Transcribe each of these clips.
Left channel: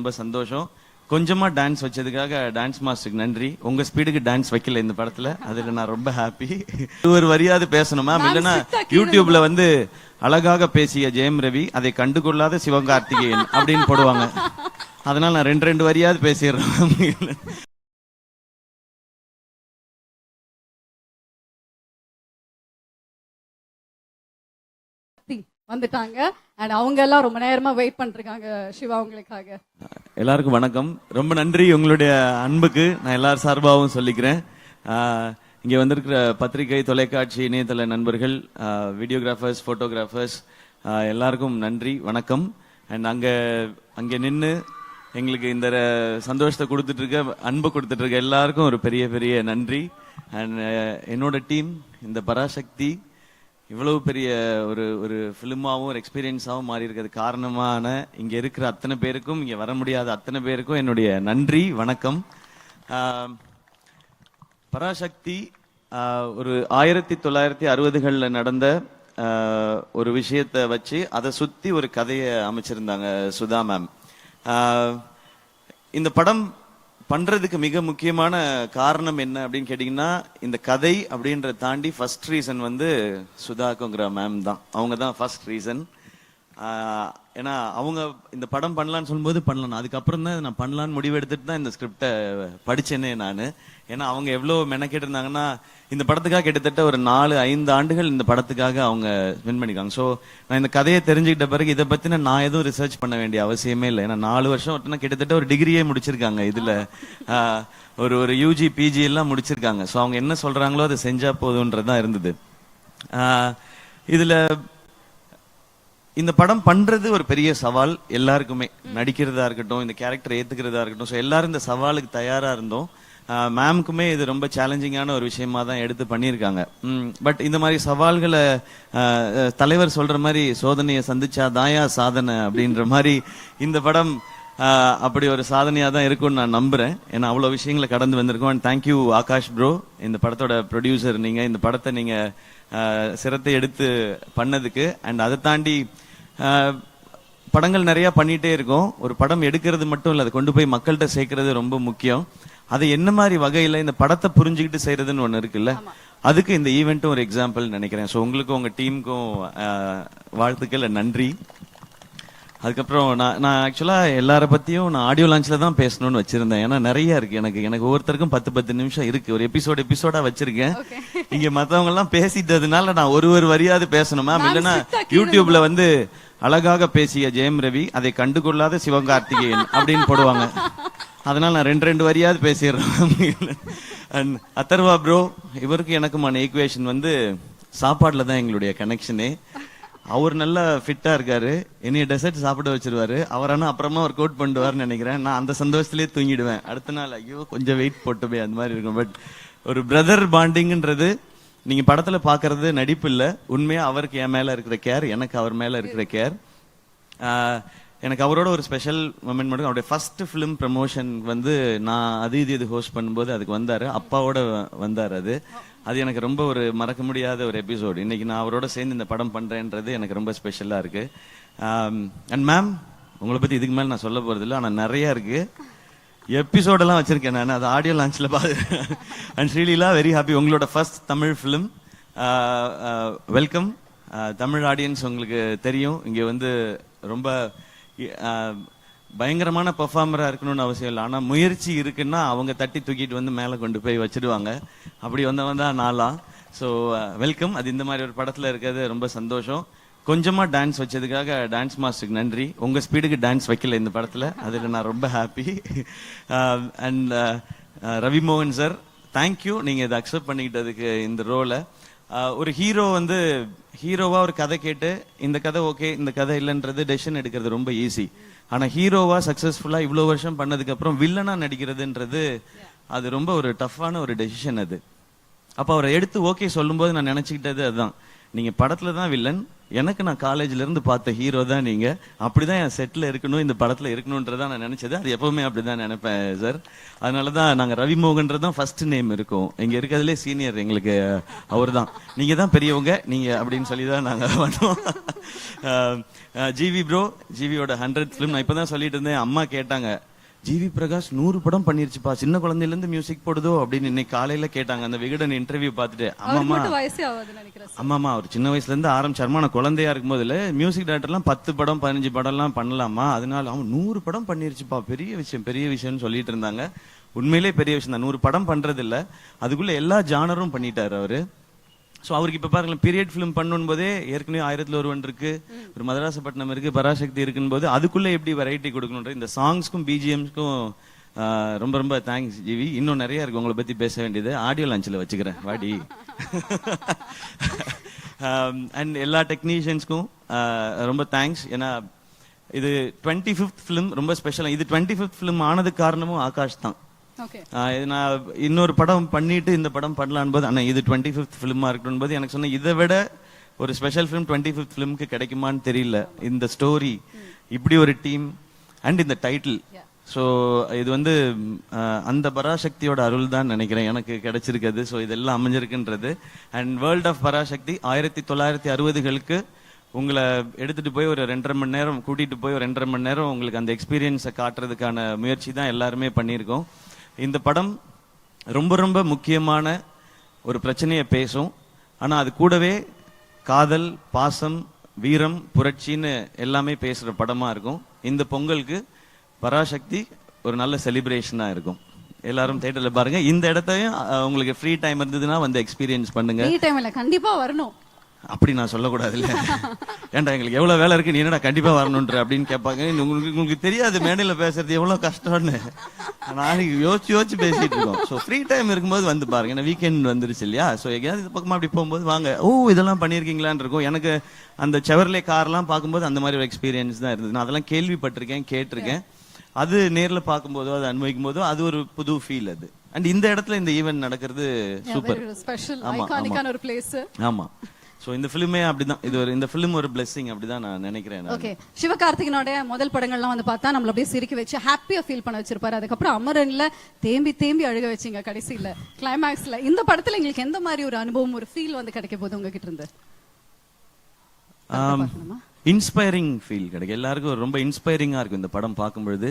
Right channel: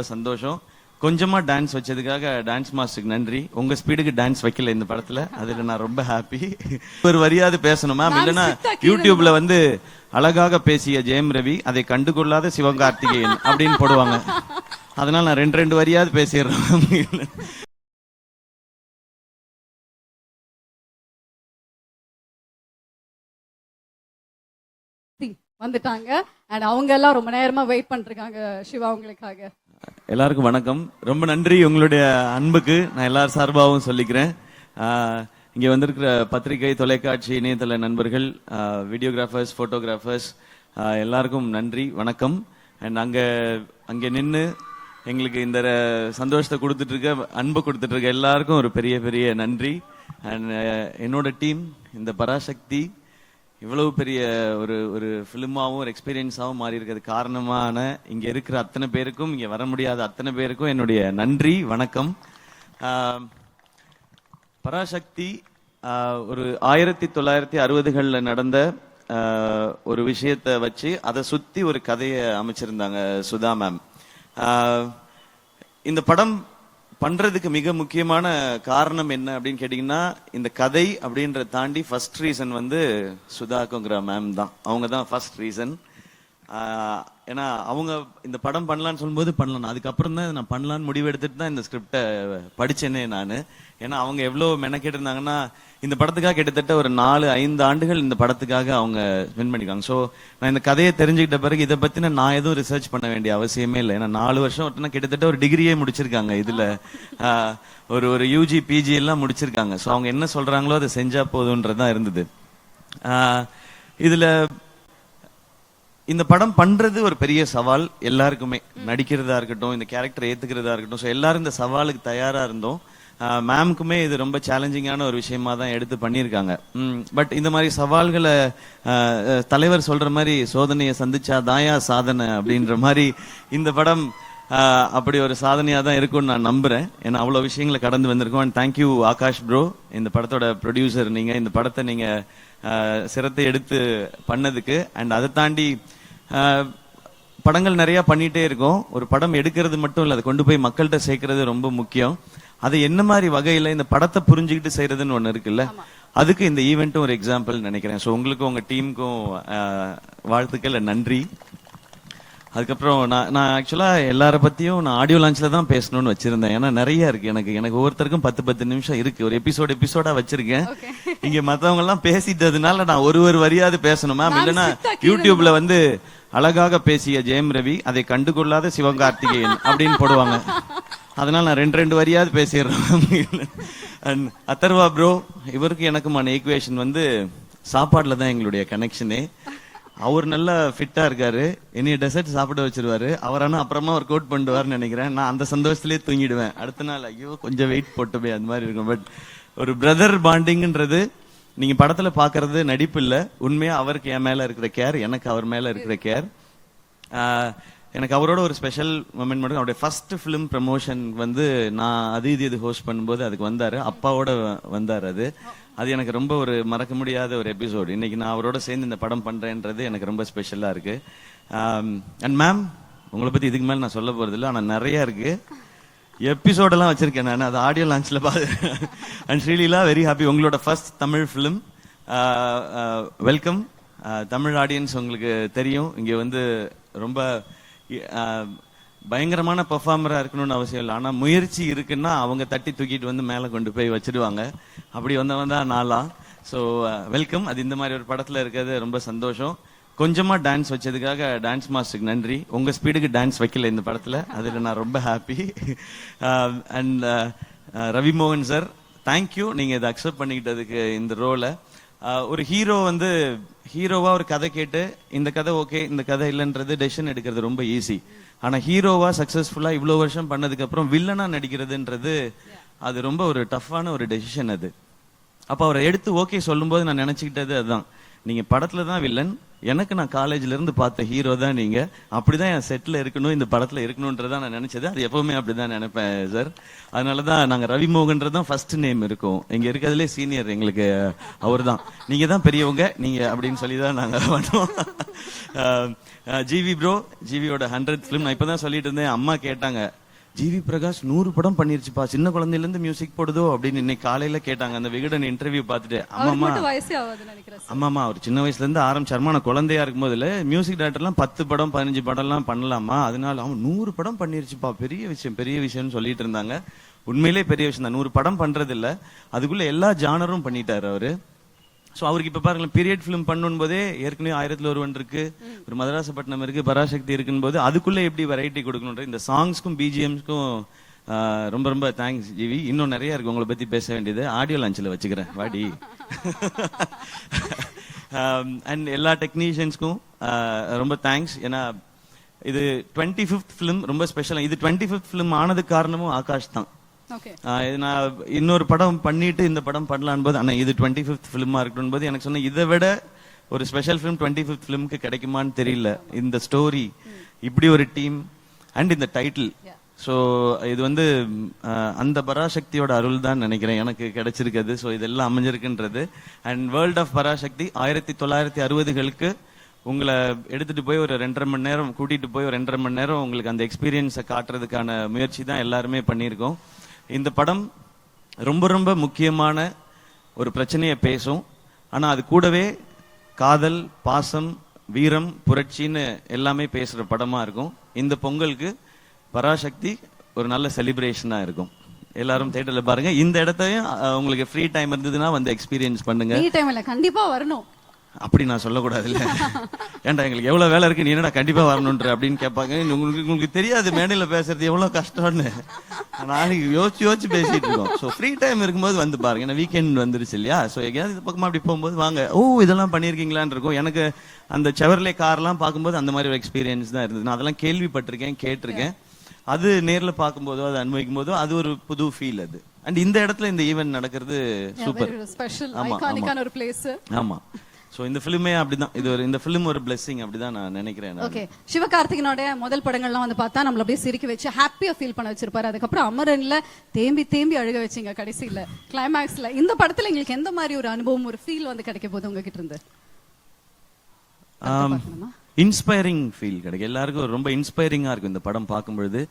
ரொம்ப சந்தோஷம். கொஞ்சமா டான்ஸ் வச்சதுக்காக டான்ஸ் மாஸ்டருக்கு நன்றி. உங்க ஸ்பீடுக்கு டான்ஸ் வைக்கல இந்த படத்துல, அதுல நான் ரொம்ப ஹாப்பி. ஒரு மரியாதை பேசணும்னா யூடியூப்ல வந்து அழகாக பேசிய ஜெயம் ரவி, அதை கண்டுகொள்ளாத சிவகார்த்திகேயன் அப்படின்னு போடுவாங்க. அதனால நான் ரெண்டு மரியாதை பேசுறேன். வந்துட்டாங்க. அவங்க எல்லாம் ரொம்ப நேரமா வெயிட் பண்ணிருக்காங்க சிவா அவங்களுக்காக. எல்லாருக்கும் வணக்கம். ரொம்ப நன்றி உங்களுடைய அன்புக்கு நான் எல்லா சார்பாகவும் சொல்லிக்கிறேன். இங்க வந்து பத்திரிகை, தொலைக்காட்சி, இணையதள நண்பர்கள், வீடியோகிராஃபர்ஸ், போட்டோகிராஃபர்ஸ் எல்லாருக்கும் நன்றி, வணக்கம். நாங்க அங்கே நின்று எங்களுக்கு இந்த சந்தோஷத்தை கொடுத்துருக்க, அன்பு கொடுத்துருக்க எல்லாருக்கும் ஒரு பெரிய பெரிய நன்றி. என்னோட டீம் இந்த பராசக்தி இவ்வளவு பெரிய ஒரு ஃபிலிமாவும் ஒரு எக்ஸ்பீரியன்ஸாகவும் மாறி இருக்கிறது காரணமான இங்க இருக்கிற அத்தனை பேருக்கும், இங்க வர முடியாத அத்தனை பேருக்கும் என்னுடைய நன்றி, வணக்கம். பராசக்தி ஒரு 1960களில் நடந்த ஒரு விஷயத்தை வச்சு அதை சுத்தி ஒரு கதையை அமைச்சிருந்தாங்க சுதா மேம். இந்த படம் பண்றதுக்கு மிக முக்கியமான காரணம் என்ன அப்படின்னு கேட்டீங்கன்னா, இந்த கதை அப்படின்றத தாண்டி ஃபர்ஸ்ட் ரீசன் வந்து சுதா மேம் தான். அவங்க தான் ஃபர்ஸ்ட் ரீசன். ஏன்னா அவங்க இந்த படம் பண்ணலாம்னு சொல்லும்போது பண்ணலாம், அதுக்கப்புறம் தான் நான் பண்ணலாம்னு முடிவு எடுத்துட்டு தான் இந்த ஸ்கிரிப்டை படிச்சேன் நான். ஏன்னா அவங்க எவ்வளவு மெனக்கெட்டு இருந்தாங்கன்னா இந்த படத்துக்காக கிட்டத்தட்ட ஒரு 4-5 ஆண்டுகள் இந்த படத்துக்காக அவங்க வின் பண்ணிருக்காங்க. ஸோ நான் இந்த கதையை தெரிஞ்சுக்கிட்ட பிறகு இதை பத்தி நான் எதுவும் ரிசர்ச் பண்ண வேண்டிய அவசியமே இல்லை. 4 வருஷம் கிட்டத்தட்ட ஒரு டிகிரியே முடிச்சிருக்காங்க. இதுல ஒரு யூஜி பிஜி எல்லாம் முடிச்சிருக்காங்க. ஸோ அவங்க என்ன சொல்றாங்களோ அதை செஞ்சா போதும்ன்றதா இருந்தது. இதுல இந்த படம் பண்றது ஒரு பெரிய சவால் எல்லாருக்குமே, நடிக்கிறதா இருக்கட்டும், இந்த கேரக்டர் ஏத்துக்கிறதா இருக்கட்டும், எல்லாரும் இந்த சவாலுக்கு தயாரா இருந்தோம். மேமுக்குமே இது ரொம்ப சேலஞ்சிங்கான ஒரு விஷயமா தான் எடுத்து பண்ணியிருக்காங்க. பட் இந்த மாதிரி சவால்ல தலைவர் சொல்ற மாதிரி சோதனையை சந்திச்சாதான் சாதனை அப்படின்ற மாதிரி இந்த படம் அப்படி ஒரு சாதனையா தான் இருக்கும்னு நான் நம்புறேன். ஏன்னா அவ்வளவு விஷயங்கள் கடந்து வந்திருக்கோம். தேங்க்யூ ஆகாஷ் ப்ரோ, இந்த படத்தோட ப்ரொடியூசர் நீங்க, இந்த படத்தை நீங்க சிரத்தை எடுத்து பண்ணதுக்கு. அண்ட் அதை தாண்டி படங்கள் நிறைய பண்ணிட்டே இருக்கோம். ஒரு படம் எடுக்கிறது மட்டும் இல்ல, கொண்டு போய் மக்கள்கிட்ட சேர்க்கிறது ரொம்ப முக்கியம். அது என்ன மாதிரி வகையில இந்த படத்தை புரிஞ்சுக்கிட்டு செய்யறதுன்னு ஒண்ணு இருக்குல்ல, அதுக்கு இந்த ஈவெண்ட் ஒரு எக்ஸாம்பிள் நினைக்கிறேன். ஸோ உங்களுக்கும் உங்க டீமுக்கும் வாழ்த்துக்கள், நன்றி. அதுக்கப்புறம் நான் ஆக்சுவலா எல்லார பத்தியும் ஆடியோ லான்ச் தான் பேசணும்னு வச்சிருந்தேன். ஏன்னா நிறைய இருக்கு எனக்கு ஒவ்வொருத்தருக்கும் 10-10 நிமிஷம் இருக்கு. ஒரு எபிசோடா வச்சிருக்கேன். இங்க மத்தவங்க பேசிட்டதுனால நான் ஒரு வரியாவது பேசணும்னா, யூடியூப்ல வந்து அழகாக பேசிய ஜெயம் ரவி, அதை கண்டுகொள்ளாத சிவகார்த்திகேயன் அப்படின்னு போடுவாங்க. அதனால நான் ரெண்டு வரியாவது பேசுறேன். அத்தரவா ப்ரோ, இவருக்கு எனக்கு ஈக்குவேஷன் வந்து சாப்பாடுல தான் எங்களுடைய கனெக்ஷனே. அவரு நல்லா ஃபிட்டா இருக்காரு, என்னைய டெசர்ட் சாப்பிட வச்சிருவாரு. அவரான அப்புறமா கோட் பண்ணுவாருன்னு நினைக்கிறேன். நான் அந்த சந்தோஷத்திலே தூங்கிடுவேன். அடுத்த நாள் கொஞ்சம் வெயிட் போட்டு போய் அந்த மாதிரி இருக்கும். பட் ஒரு பிரதர் பாண்டிங்ன்றது நீங்க படத்துல பாக்குறது நடிப்பு இல்ல, உண்மையா அவருக்கு என் மேல இருக்க கேர், எனக்கு அவர் மேல இருக்க கேர். எனக்கு அவரோட ஒரு ஸ்பெஷல் மொமெண்ட், அவரோட ஃபர்ஸ்ட் ஃபிலிம் ப்ரமோஷன் வந்து நான் அது ஹோஸ்ட் பண்ணும்போது அது வந்தாரு, அப்பாவோட வந்தாரு. அது எனக்கு ரொம்ப ஒரு மறக்க முடியாத ஒரு எபிசோட். இன்னைக்கு நான் அவரோட சேர்ந்து இந்த படம் பண்றேன்றது எனக்கு ரொம்ப ஸ்பெஷலா இருக்கு. அண்ட் மேம், உங்களை பத்தி இதுமே நான் சொல்ல போறது ஆனா நிறைய இருக்கு. எபிசோடெல்லாம் வச்சிருக்கேன், ஆடியோ லான்ச்ல. அண்ட் ரியலா வெரி ஹாப்பி. உங்களோட first Tamil film. Welcome Tamil audience. உங்களுக்கு தெரியும் இங்க வந்து ரொம்ப பயங்கரமான பெர்ஃபார்மரா இருக்கணும்னு அவசியம் இல்லை. ஆனா முயற்சி இருக்குன்னா அவங்க தட்டி தூக்கிட்டு வந்து மேல கொண்டு போய் வச்சிருவாங்க. அப்படி வந்தவங்க நான். So welcome. அது இந்த மாதிரி படத்துல இருக்கிறது ரொம்ப சந்தோஷம். கொஞ்சமா டான்ஸ் வச்சதுக்காக டான்ஸ் மாஸ்டருக்கு நன்றி. உங்க ஸ்பீடுக்கு டான்ஸ் வைக்கல இந்த படத்துல, அதுல நான் ரொம்ப ஹாப்பி. அண்ட் ரவி மோகன் சார், தேங்க்யூ, நீங்க அக்செப்ட் பண்ணிக்கிறதுக்கு இந்த ரோல. ஒரு ஹீரோ வந்து ஹீரோவா ஒரு கதை கேட்டு இந்த கதை ஓகே, இந்த கதை இல்லைன்றது டெசிஷன் எடுக்கிறது ரொம்ப ஈஸி. ஆனா ஹீரோவா சக்சஸ்ஃபுல்லா இவ்வளவு வருஷம் பண்ணதுக்கு அப்புறம் வில்லனா நடிக்கிறதுன்றது அது ரொம்ப ஒரு டஃப்பான ஒரு டெசிஷன் அது. அப்ப அவர் எடுத்து ஓகே சொல்லும்போது நான் நினைச்சுக்கிட்டது அதுதான், நீங்க படத்துல தான் வில்லன், எனக்கு நான் காலேஜ்ல இருந்து பார்த்த ஹீரோ தான் நீங்க, அப்படிதான் செட்ல இருக்கணும், இந்த படத்துல இருக்கணும்ன்றத நான் நினைச்சது. எப்பவுமே அப்படிதான் நினைப்பேன் சார். அதனாலதான் நான் ரவிமோகன் தான் ஃபர்ஸ்ட் நேம் இருக்கும். இங்க இருக்கிறதுல சீனியர் எங்களுக்கு அவர்தான். நீங்க தான் பெரியவங்க நீங்க அப்படின்னு சொல்லி ஜிவி ப்ரோ, ஜிவியோட 100 ஃபிலிம் இப்பதான் சொல்லிட்டு இருந்தேன். அம்மா கேட்டாங்க, ஜிவி பிரகாஷ் 100 படம் பண்ணிருப்பா, சின்ன குழந்தையில இருந்து மியூசிக் போடுதோ அப்படின்னு இன்னைக்கு காலையில கேட்டாங்க. அந்த வீடியோ இன்டர்வியூ பார்த்து அம்மா சின்ன வயசுல இருந்து ஆரம்பிச்சாமா, நான் குழந்தையா இருக்கும்போது மியூசிக் டைரக்டர்லாம் 10 படம் 15 படம்லாம் பண்ணலாமா, அதனால 100 படம் பண்ணிருப்பா, பெரிய விஷயம் சொல்லிட்டு இருந்தாங்க. உண்மையிலேயே பெரிய விஷயம். 100 படம் பண்றது இல்ல, அதுக்குள்ள எல்லா ஜானரும் பண்ணிட்டாரு அவரு. சோ அவருக்கு பாருங்க பீரியட் ஃபிலிம் பண்ணனும்போதே ஏற்கனவே 1001 இருக்கு, ஒரு மதராஸ் பட்டம் இருக்கு, பராசக்தி இருக்கும்போது அதுக்குள்ள எப்படி வெரைட்டி கொடுக்கணும். இந்த சாங்ஸும் பிஜிஎம்ஸும் ரொம்ப ரொம்ப தேங்க்ஸ் ஜிவி. இன்னும் நிறைய உங்களை பத்தி பேச வேண்டியது ஆடியோ லான்ச்ல வச்சுக்கிறேன் வாடி. அண்ட் எல்லா டெக்னீஷியன்ஸும் ரொம்ப தேங்க்ஸ். ஏன்னா இது 25th ஃபிலிம் ரொம்ப ஸ்பெஷல். இது 25th ஃபிலிம் ஆனது காரணம் ஆகாஷ் தான். இன்னொரு படம் பண்ணிட்டு இந்த படம் பண்ணலாம்னு இது 25th ஃபிலிமா இருக்கும்போது எனக்கு இதை விட ஒரு ஸ்பெஷல் ஃபிலிம் 25th ஃபிலிமுக்கு கிடைக்குமான்னு தெரியல. இந்த ஸ்டோரி, இப்படி ஒரு டீம் அண்ட் இந்த டைட்டில். சோ இது வந்து அந்த பராசக்தியோட அருள் தான் நினைக்கிறேன் எனக்கு கிடைச்சிருக்கிறது. சோ இதெல்லாம் அமைஞ்சிருக்கின்றது. அண்ட் வேர்ல்ட் ஆஃப் பராசக்தி 1960களுக்கு உங்களை எடுத்துட்டு போய் ஒரு 2.5 மணி நேரம் கூட்டிட்டு போய் ஒரு 2.5 மணி நேரம் உங்களுக்கு அந்த எக்ஸ்பீரியன்ஸ் காட்டுறதுக்கான முயற்சி தான் எல்லாருமே பண்ணியிருக்கோம். இந்த படம் ரொம்ப ரொம்ப முக்கியமான ஒரு பிரச்சனையை பேசும். ஆனா அது கூடவே காதல், பாசம், வீரம், புரட்சின்னு எல்லாமே பேசுற படமா இருக்கும். இந்த பொங்கலுக்கு பராசக்தி ஒரு நல்ல செலிப்ரேஷனா இருக்கும். எல்லாரும் தியேட்டர்ல பாருங்க. இந்த இடத்துல உங்களுக்கு ஃப்ரீ டைம் இருந்ததுன்னா அந்த எக்ஸ்பீரியன்ஸ் பண்ணுங்க. கண்டிப்பா வரணும் அப்படி நான் சொல்லக்கூடாது. ஏன்னா எவ்வளவு வேலை இருக்கு, கண்டிப்பா வரணும் அப்படின்னு கேட்பாங்க. உங்களுக்கு தெரியாது மேடையில வேலை செய்ய எவ்வளவு கஷ்டம்னு. நான் யோசிச்சு பேசிருக்கோம். சோ ஃப்ரீ டைம் இருக்கும்போது வந்து பாருங்க. வீக்கெண்ட் வந்துருச்சு இல்லையா? சோ எங்கயாவது பக்கமா அப்படி போகும்போது வாங்க, ஓ இதெல்லாம் பண்ணிருக்கீங்களான்னு இருக்கும். எனக்கு அந்த செவர்லே காரெல்லாம் பார்க்கும்போது அந்த மாதிரி ஒரு எக்ஸ்பீரியன்ஸ் தான் இருக்கு. நான் அதெல்லாம் கேள்விப்பட்டிருக்கேன், கேட்டிருக்கேன். அது நேர்ல பார்க்கும்போது அதை அனுபவிக்கும் போது அது ஒரு புது ஃபீல். அது அண்ட் இந்த இடத்துல இந்த ஈவென்ட் நடக்கிறது சூப்பர். ஆமா. சோ இந்த ஃபிலிமே அப்படிதான். இது இந்த ஃபிலிம் ஒரு பிளெஸிங் அப்படிதான் நான் நினைக்கிறேன். ஓகே, சிவகார்த்திகேயனோட முதல் படங்கள்லாம் வந்து பார்த்தா நம்மள சிரிக்க வச்சு ஹாப்பியா ஃபீல் பண்ண வச்சிருப்பாரு. அதுக்கப்புறம் அமரர்ல தேம்பி தேம்பி அழ வச்சீங்க கடைசில கிளைமாக்ஸ்ல. இந்த படத்துல நீங்க எந்த மாதிரி ஒரு அனுபவம், ஒரு ஃபீல் வந்து கிடைக்க போகுது உங்களுக்கு? Inspiring feel. எல்லாருக்கும் ரொம்ப இன்ஸ்பைரிங்கா இருக்கு இந்த படம் பார்க்கும்போது.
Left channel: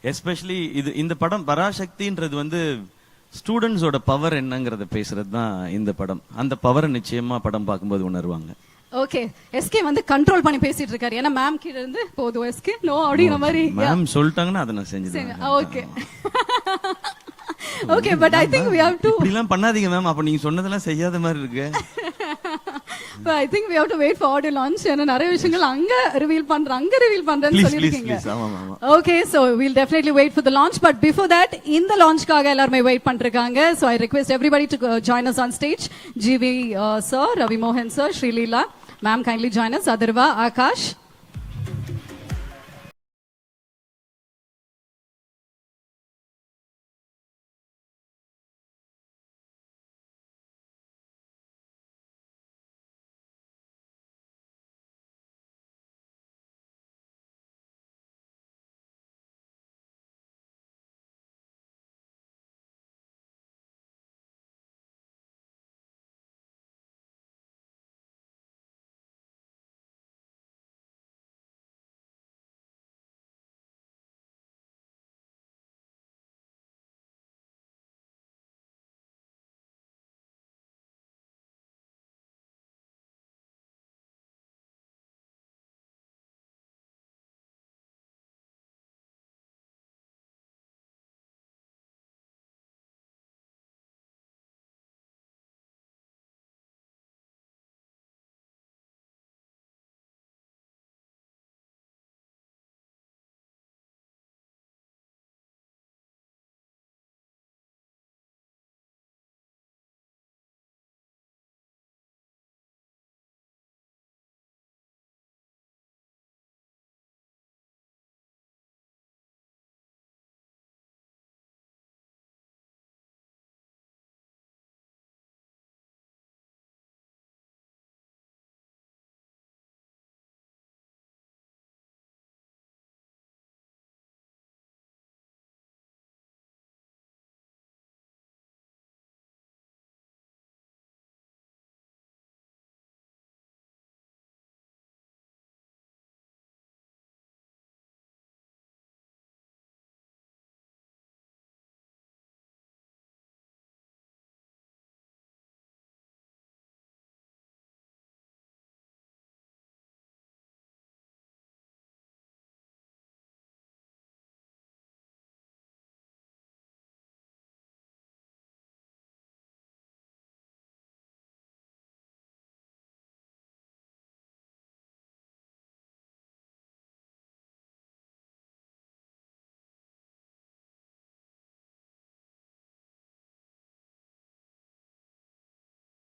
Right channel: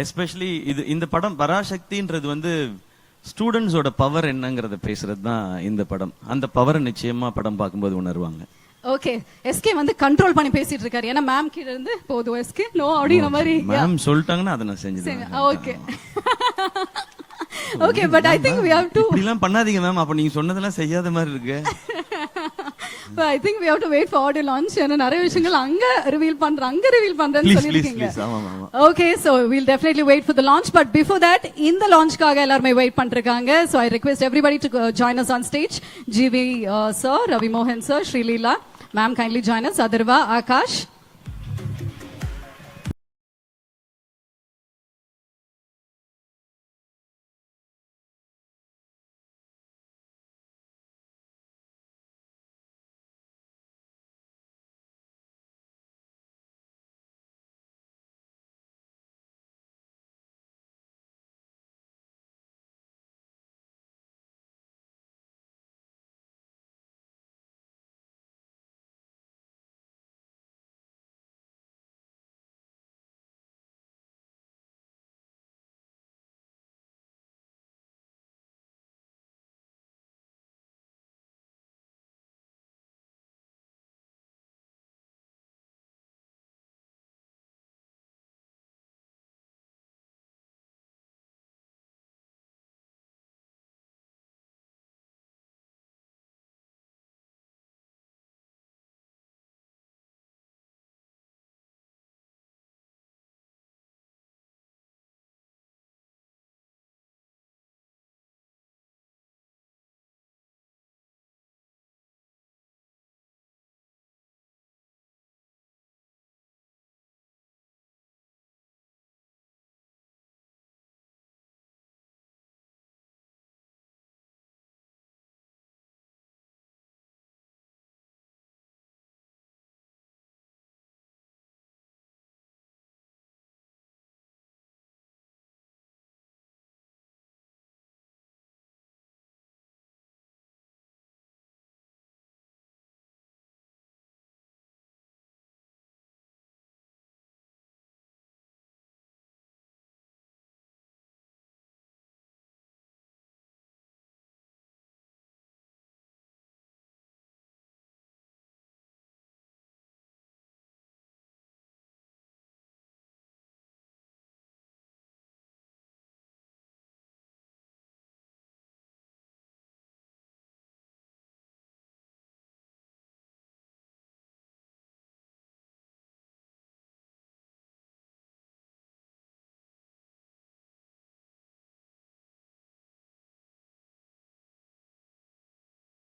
எஸ்பெஷலி இந்த படம் பராசக்தின்றது வந்து ஸ்டூடண்ட்ஸோட பவர் என்னங்கிறத பேசுறது தான் இந்த படம். அந்த பவர் நிச்சயமா படம் பார்க்கும்போது உணர்வாங்க. ஓகே, எஸ்கே வந்து கண்ட்ரோல் பண்ணி பேசிட்டு இருக்காரு. ஏன்னா மேம் கிட்டது போடு எஸ்கே நோ அப்படி மாதிரி மேம் சொல்லிட்டாங்க நான் செஞ்சேன். Okay okay, but I think we have to இதெல்லாம் பண்ணாதீங்க மேம், அப்ப நீங்க சொன்னதெல்லாம் செய்யாத மாதிரி இருக்கு. But I think we have to wait for audio launch and narration அங்க ரிவீல் பண்றாங்க. Okay, so we'll definitely wait for the launch, but before that in the launch காக எல்லாரும் wait பண்ணிருக்காங்க. So I request everybody to join us on stage. GV sir, Ravi Mohan sir, Sri Leela, ma'am kindly join us. Adarva, Akash.